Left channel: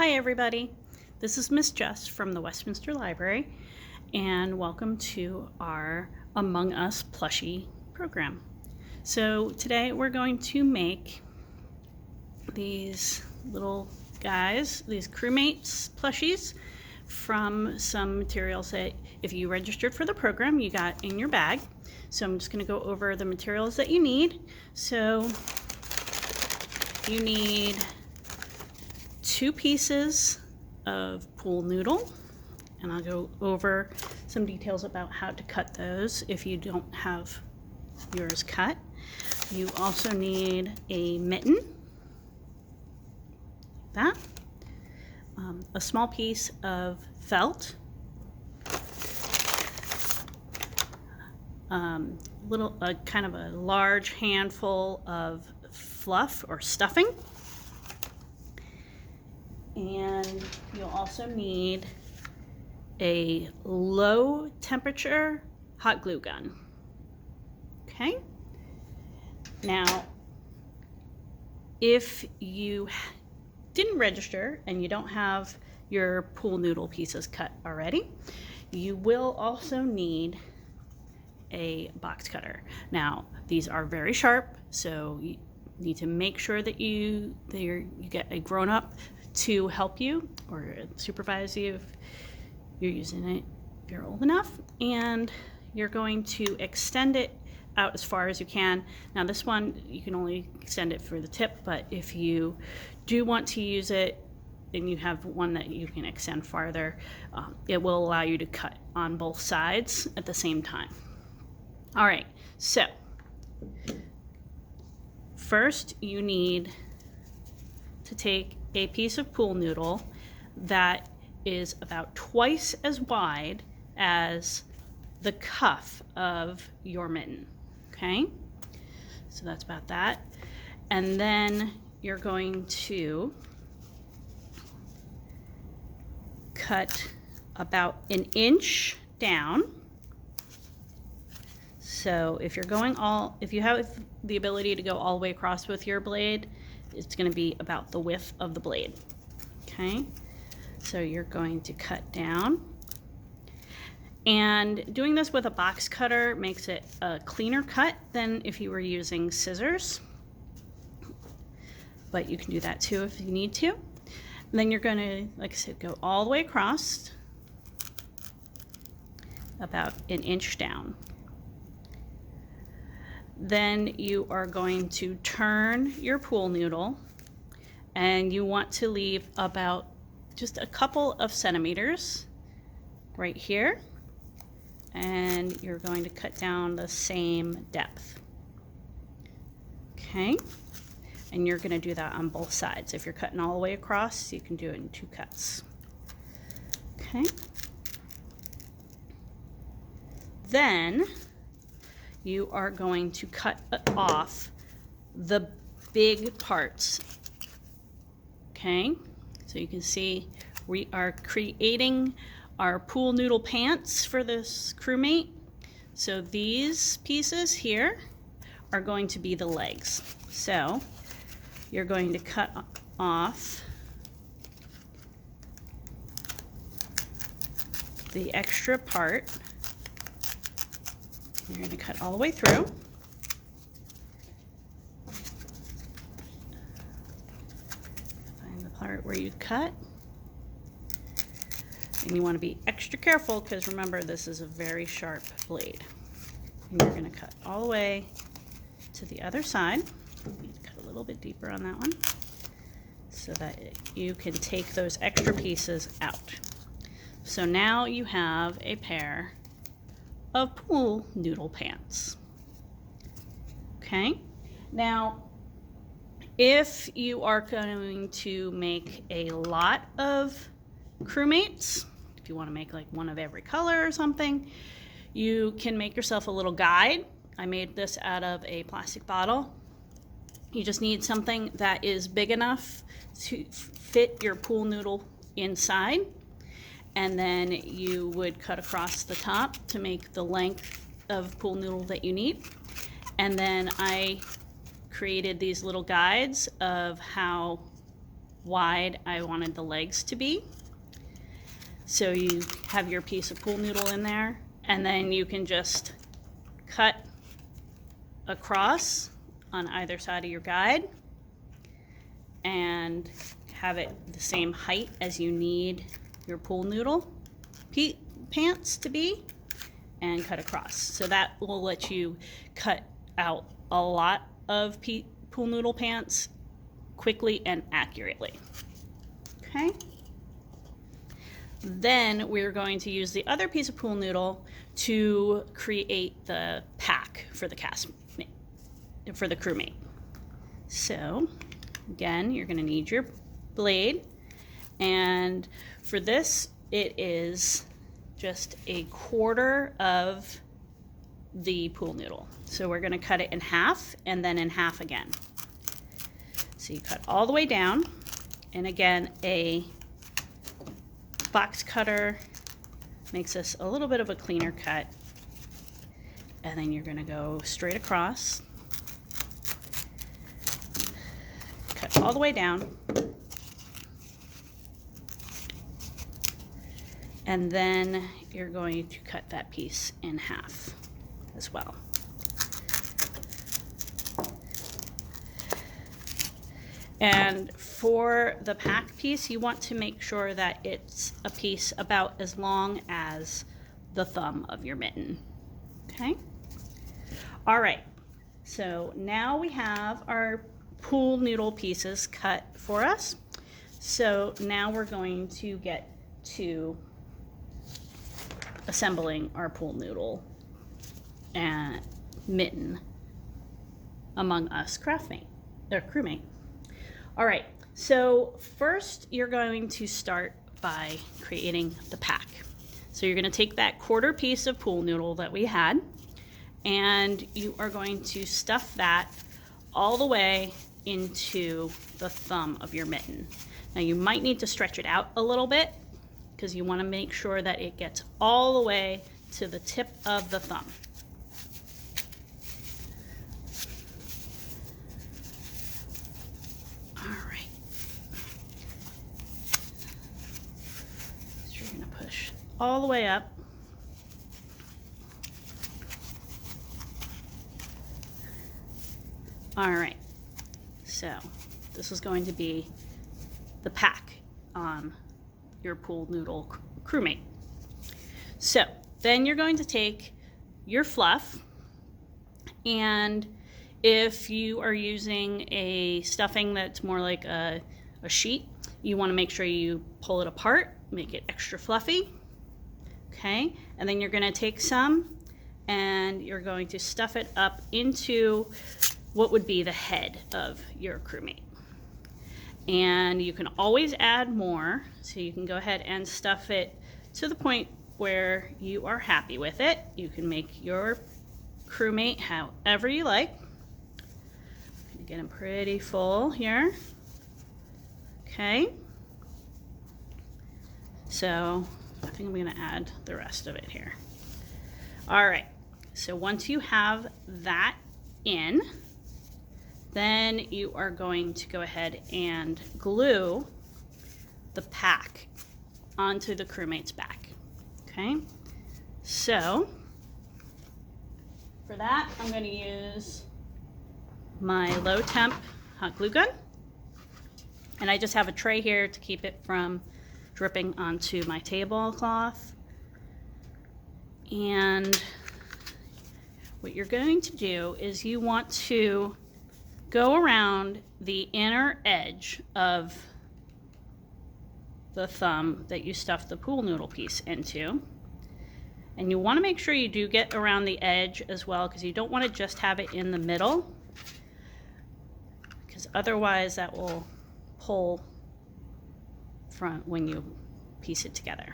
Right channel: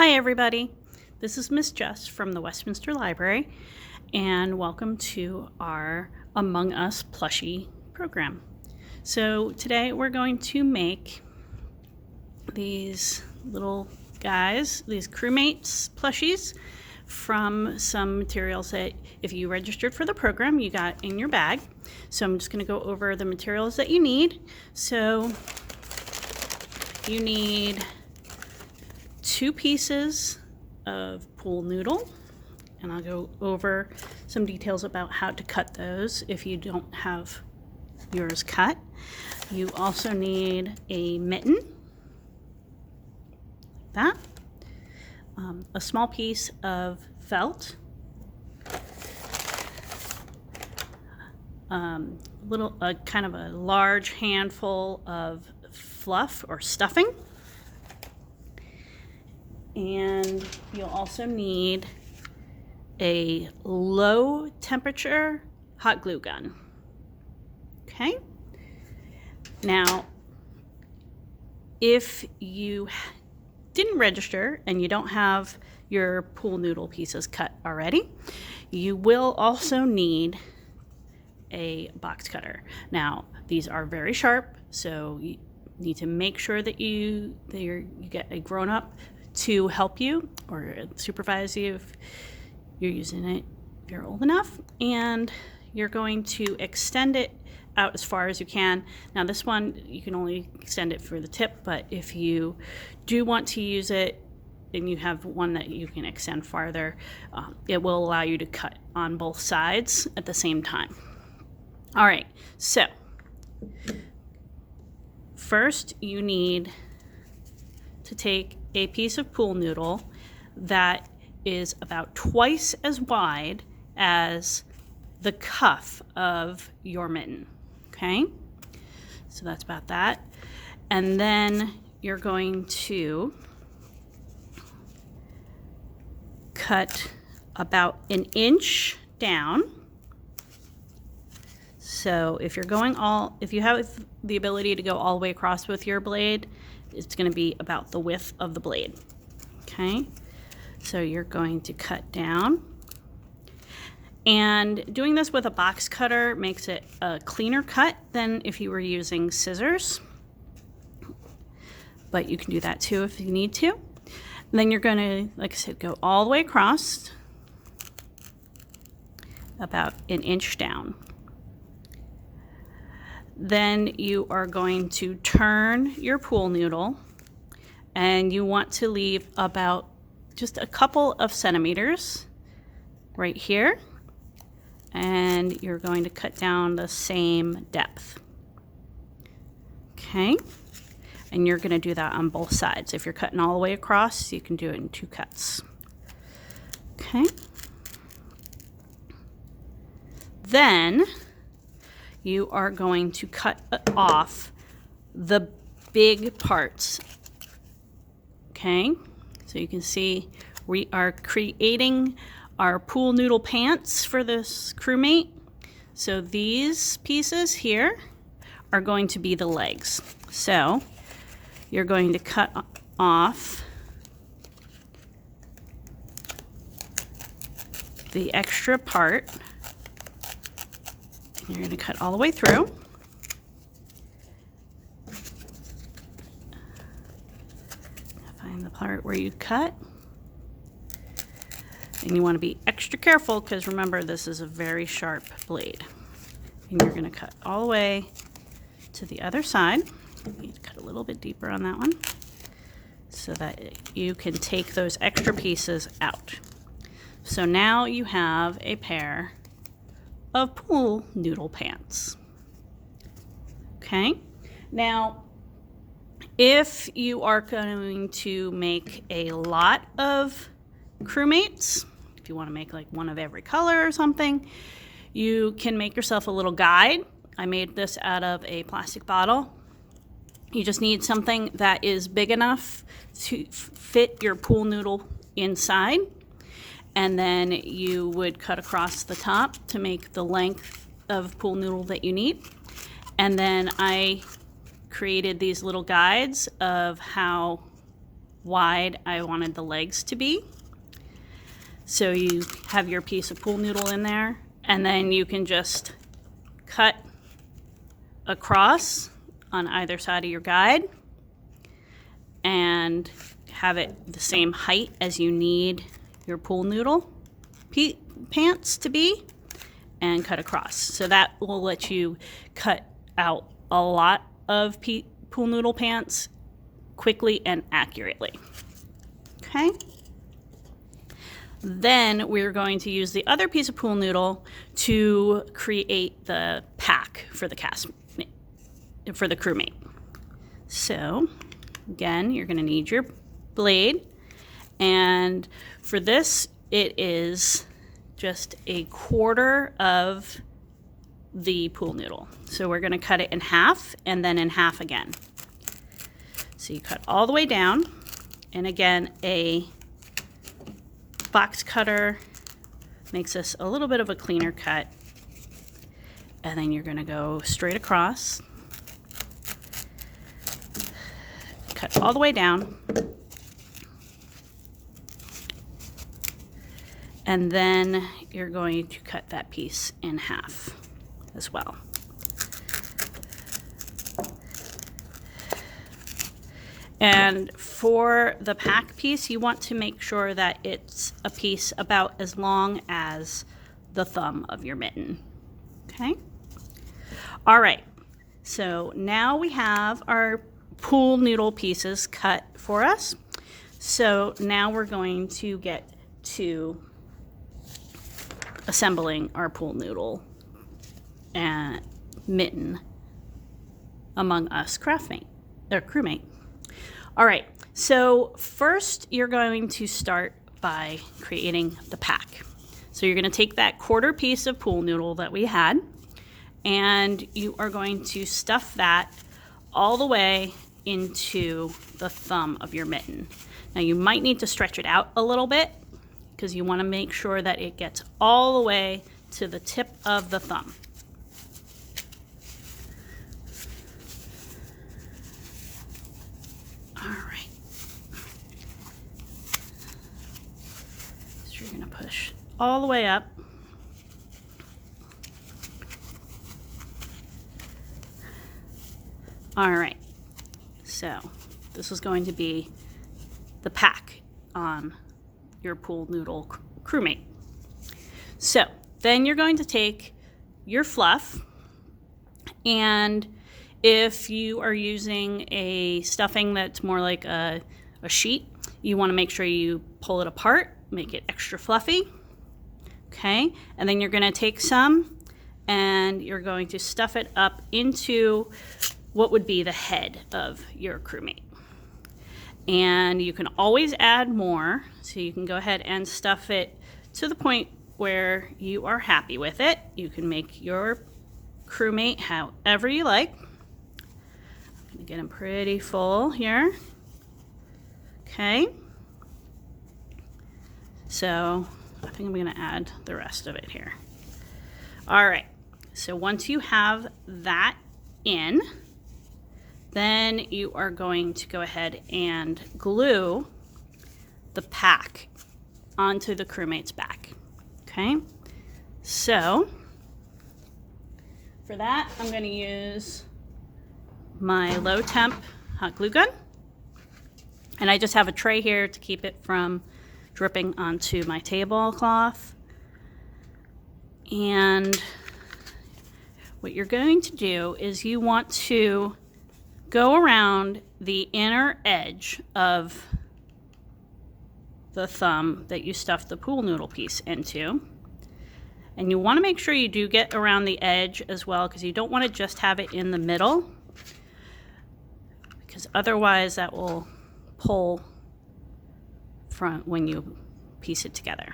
Hi everybody, this is Miss Jess from the Westminster Library and welcome to our Among Us Plushie program. So today we're going to make these little guys, these crewmates plushies from some materials that if you registered for the program you got in your bag. So I'm just going to go over the materials that you need. So you need 2 pieces of pool noodle, and I'll go over some details about how to cut those if you don't have yours cut. You also need a mitten, a small piece of felt, kind of a large handful of fluff or stuffing. And you'll also need a low temperature hot glue gun. Okay? Now, if you didn't register and you don't have your pool noodle pieces cut already, you will also need a box cutter. Now, these are very sharp, so you need to make sure that you get a grown-up to help you or supervise you if you're using it, if you're old enough, and you're going to extend it out as far as you can. Now this one, you can only extend it for the tip, but if you do want to use it and you have one that you can extend farther, it will allow you to cut on both sides at the same time. All right, so first you need to take a piece of pool noodle that is about twice as wide as the cuff of your mitten. Okay, so that's about that. And then you're going to cut about 1 inch down. So if you have the ability to go all the way across with your blade, it's going to be about the width of the blade. Okay, so you're going to cut down, and doing this with a box cutter makes it a cleaner cut than if you were using scissors, but you can do that too if you need to. And then you're going to, like I said, go all the way across about 1 inch down. Then you are going to turn your pool noodle, and you want to leave about just a couple of centimeters right here, and you're going to cut down the same depth. Okay, and you're going to do that on both sides. If you're cutting all the way across, you can do it in 2 cuts. Okay, then you are going to cut off the big parts. Okay, so you can see we are creating our pool noodle pants for this crewmate. So these pieces here are going to be the legs. So you're going to cut off the extra part. You're going to cut all the way through. Find the part where you cut. And you want to be extra careful because remember, this is a very sharp blade. And you're going to cut all the way to the other side. You need to cut a little bit deeper on that one so that you can take those extra pieces out. So now you have a pair of pool noodle pants. Okay, now if you are going to make a lot of crewmates, if you want to make like one of every color or something, you can make yourself a little guide. I made this out of a plastic bottle. You just need something that is big enough to fit your pool noodle inside, and then you would cut across the top to make the length of pool noodle that you need. And then I created these little guides of how wide I wanted the legs to be. So you have your piece of pool noodle in there, and then you can just cut across on either side of your guide and have it the same height as you need your pool noodle pants to be, and cut across. So that will let you cut out a lot of pool noodle pants quickly and accurately. Okay? Then we're going to use the other piece of pool noodle to create the pack for the crewmate. So again, you're going to need your blade, and for this it is just a quarter of the pool noodle. So we're going to cut it in half and then in half again. So you cut all the way down, and again, a box cutter makes this a little bit of a cleaner cut, and then you're going to go straight across, cut all the way down, and then you're going to cut that piece in half as well. And for the pack piece, you want to make sure that it's a piece about as long as the thumb of your mitten. Okay? All right, so now we have our pool noodle pieces cut for us. So now we're going to get to assembling our pool noodle mitten among us crewmate. All right, so first you're going to start by creating the pack. So you're going to take that quarter piece of pool noodle that we had, and you are going to stuff that all the way into the thumb of your mitten. Now you might need to stretch it out a little bit because you want to make sure that it gets all the way to the tip of the thumb. All right. So you're going to push all the way up. All right. So this is going to be the pack on your pool noodle crewmate. So then you're going to take your fluff, and if you are using a stuffing that's more like a sheet, you want to make sure you pull it apart, make it extra fluffy. Okay, and then you're going to take some and you're going to stuff it up into what would be the head of your crewmate. And you can always add more, so you can go ahead and stuff it to the point where you are happy with it. You can make your crewmate however you like. Get them pretty full here. Okay. So I think I'm going to add the rest of it here. All right. So once you have that in, then you are going to go ahead and glue the pack onto the crewmate's back. Okay, so for that, I'm going to use my low temp hot glue gun, and I just have a tray here to keep it from dripping onto my tablecloth. And what you're going to do is you want to go around the inner edge of the thumb that you stuffed the pool noodle piece into. And you want to make sure you do get around the edge as well, because you don't want to just have it in the middle, because otherwise that will pull from when you piece it together.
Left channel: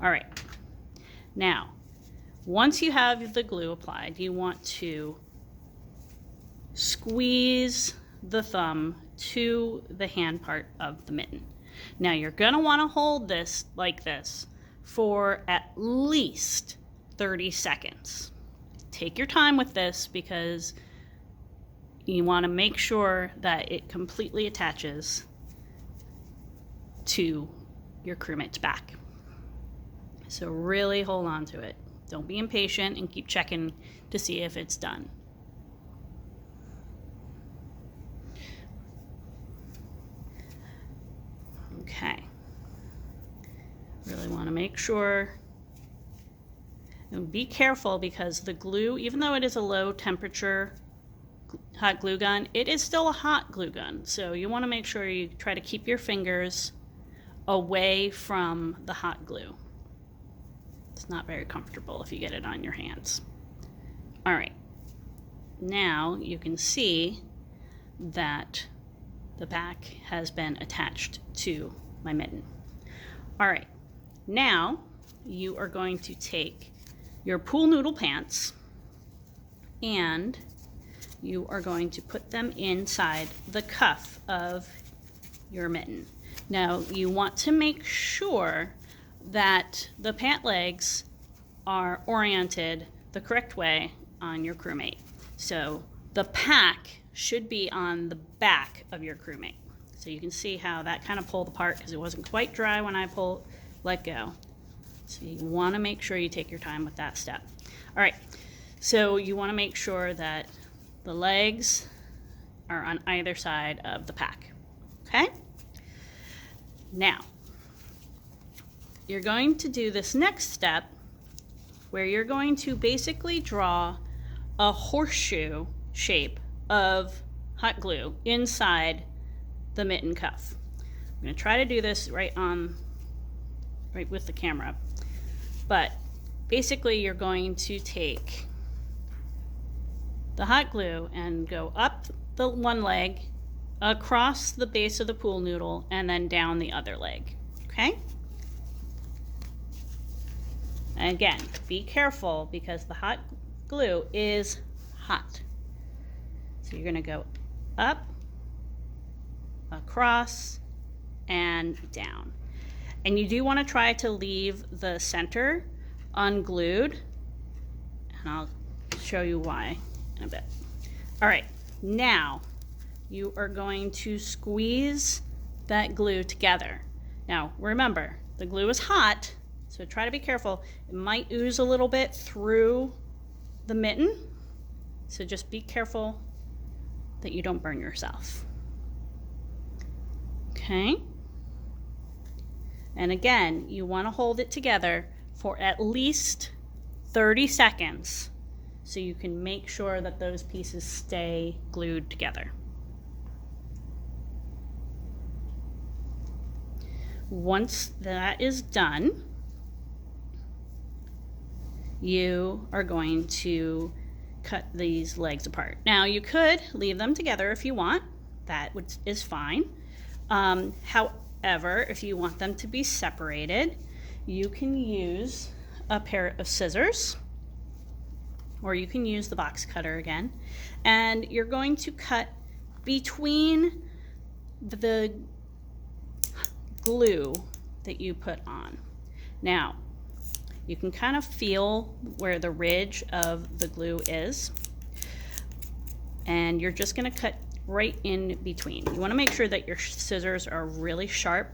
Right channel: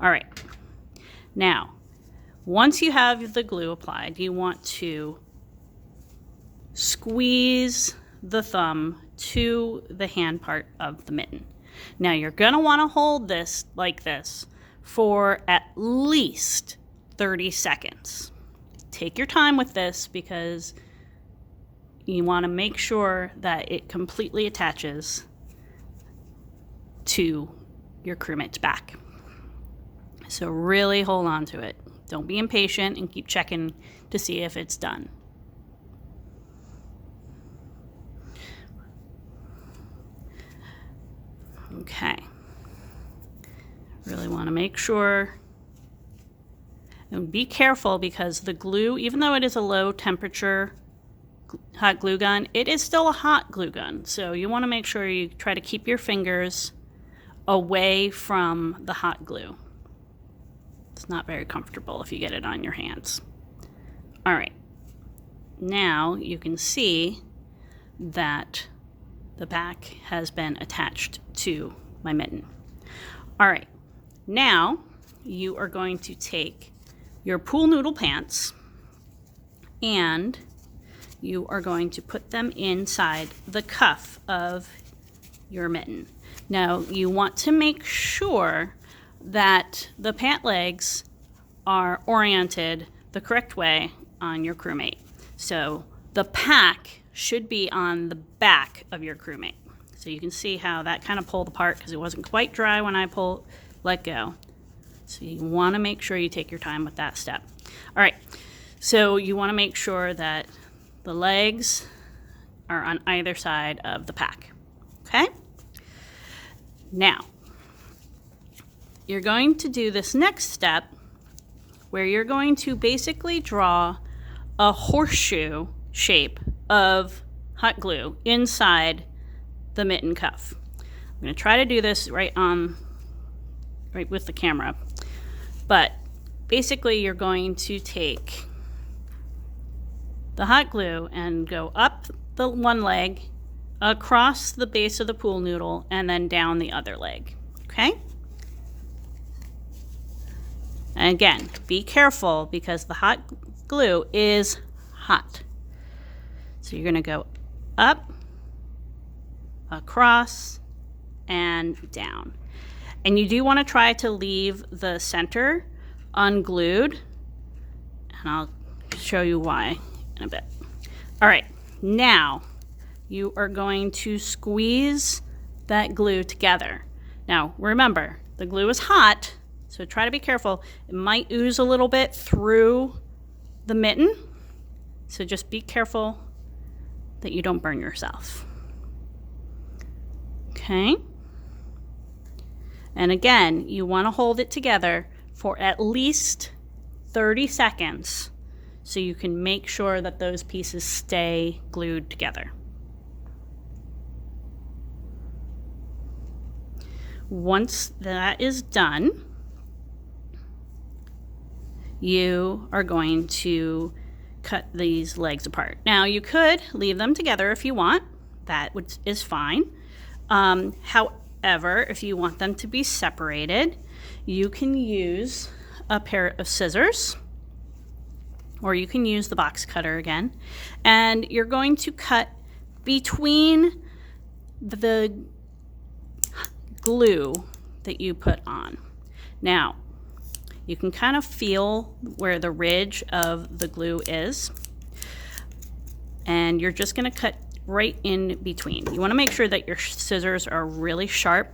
All right. Now, once you have the glue applied, you want to squeeze the thumb to the hand part of the mitten. Now you're going to want to hold this like this for at least 30 seconds. Take your time with this because you want to make sure that it completely attaches to your crewmate's back. So really hold on to it. Don't be impatient and keep checking to see if it's done. Okay. Really want to make sure. And be careful because the glue, even though it is a low temperature hot glue gun, it is still a hot glue gun. So you want to make sure you try to keep your fingers away from the hot glue. It's not very comfortable if you get it on your hands. All right. Now you can see that the back has been attached to my mitten. All right. Now you are going to take your pool noodle pants and you are going to put them inside the cuff of your mitten. Now you want to make sure that the pant legs are oriented the correct way on your crewmate. So the pack should be on the back of your crewmate. So you can see how that kind of pulled apart because it wasn't quite dry when I let go. So you want to make sure you take your time with that step. All right, so you want to make sure that the legs are on either side of the pack, okay? Now, you're going to do this next step where you're going to basically draw a horseshoe shape of hot glue inside the mitten cuff. I'm going to try to do this right with the camera. But basically you're going to take the hot glue and go up the one leg, across the base of the pool noodle, and then down the other leg, okay? And again, be careful because the hot glue is hot. So you're gonna go up, across, and down. And you do want to try to leave the center unglued, and I'll show you why in a bit. All right, now you are going to squeeze that glue together. Now remember, the glue is hot, so try to be careful. It might ooze a little bit through the mitten, so just be careful that you don't burn yourself. Okay? And again, you want to hold it together for at least 30 seconds so you can make sure that those pieces stay glued together. Once that is done, you are going to cut these legs apart. Now you could leave them together if you want. That is fine. However, if you want them to be separated, you can use a pair of scissors, or you can use the box cutter again, and you're going to cut between the glue that you put on. Now, you can kind of feel where the ridge of the glue is, and you're just going to cut right in between. You want to make sure that your scissors are really sharp.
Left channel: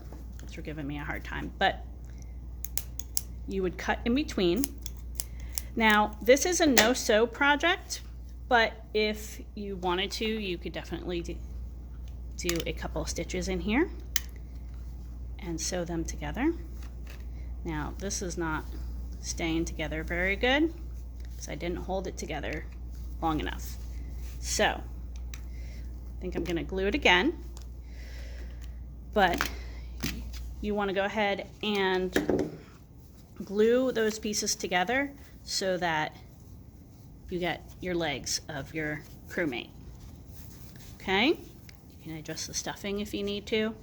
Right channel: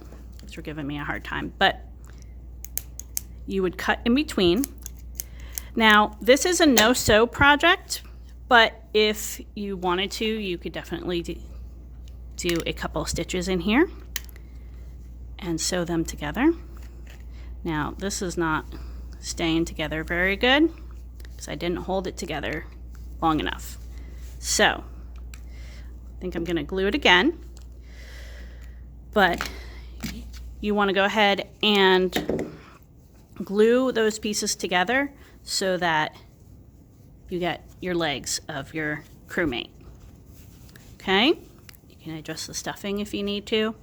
You're giving me a hard time, but you would cut in between. Now, this is a no-sew project, but if you wanted to, you could definitely do a couple of stitches in here and sew them together. Now, this is not staying together very good because I didn't hold it together long enough. So, I think I'm going to glue it again, but you want to go ahead and glue those pieces together so that you get your legs of your crewmate. Okay? You can adjust the stuffing if you need to.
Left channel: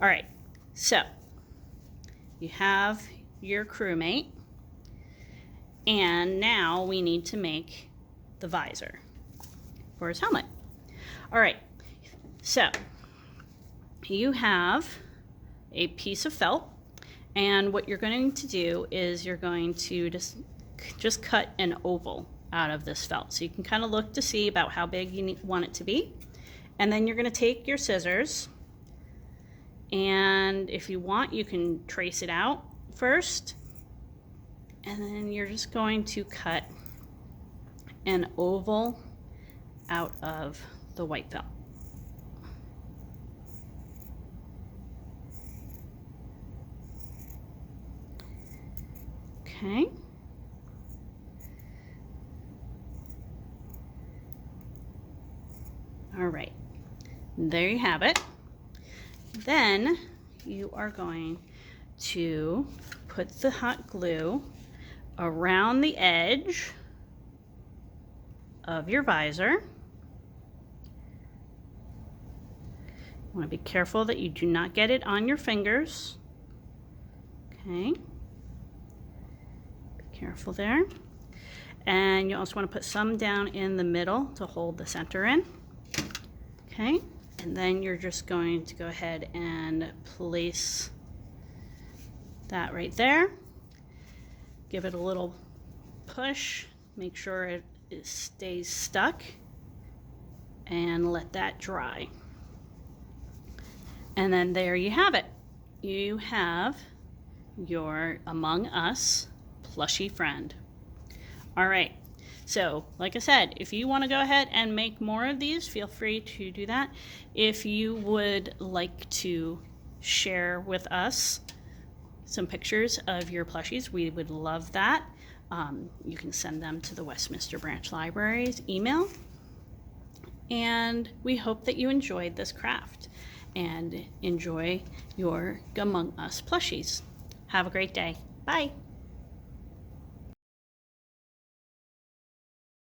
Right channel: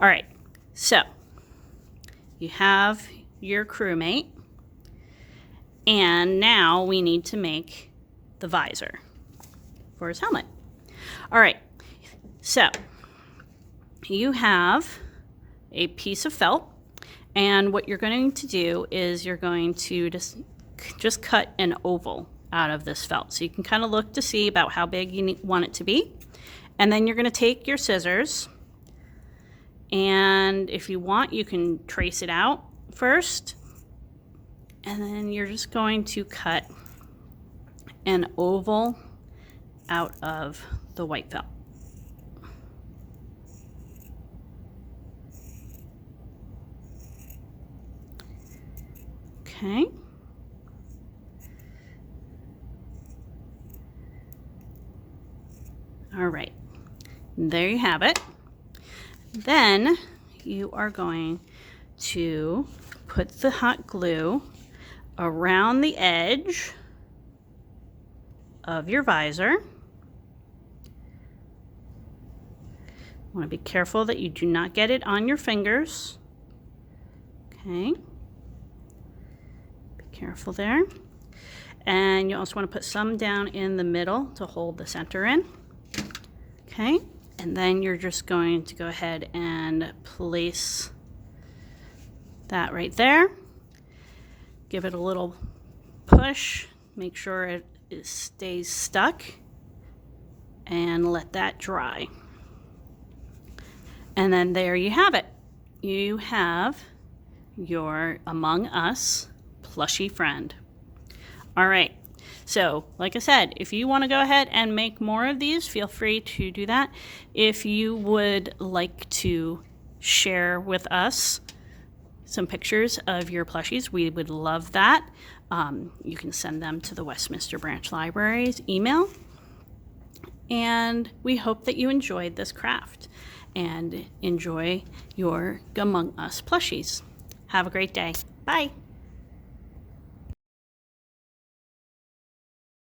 All right, so you have your crewmate, and now we need to make the visor for his helmet. All right, so you have a piece of felt, and what you're going to do is you're going to just cut an oval out of this felt. So you can kind of look to see about how big you want it to be. And then you're going to take your scissors And if you want, you can trace it out first. And then you're just going to cut an oval out of the white felt. Okay. All right, there you have it. Then you are going to put the hot glue around the edge of your visor. You want to be careful that you do not get it on your fingers. Okay. Be careful there. And you also want to put some down in the middle to hold the center in. Okay. And then you're just going to go ahead and place that right there. Give it a little push. Make sure it stays stuck. And let that dry. And then there you have it. You have your Among Us plushie friend. All right. So, like I said, if you want to go ahead and make more of these, feel free to do that. If you would like to share with us some pictures of your plushies, we would love that. You can send them to the Westminster Branch Library's email. And we hope that you enjoyed this craft and enjoy your Among Us plushies. Have a great day. Bye.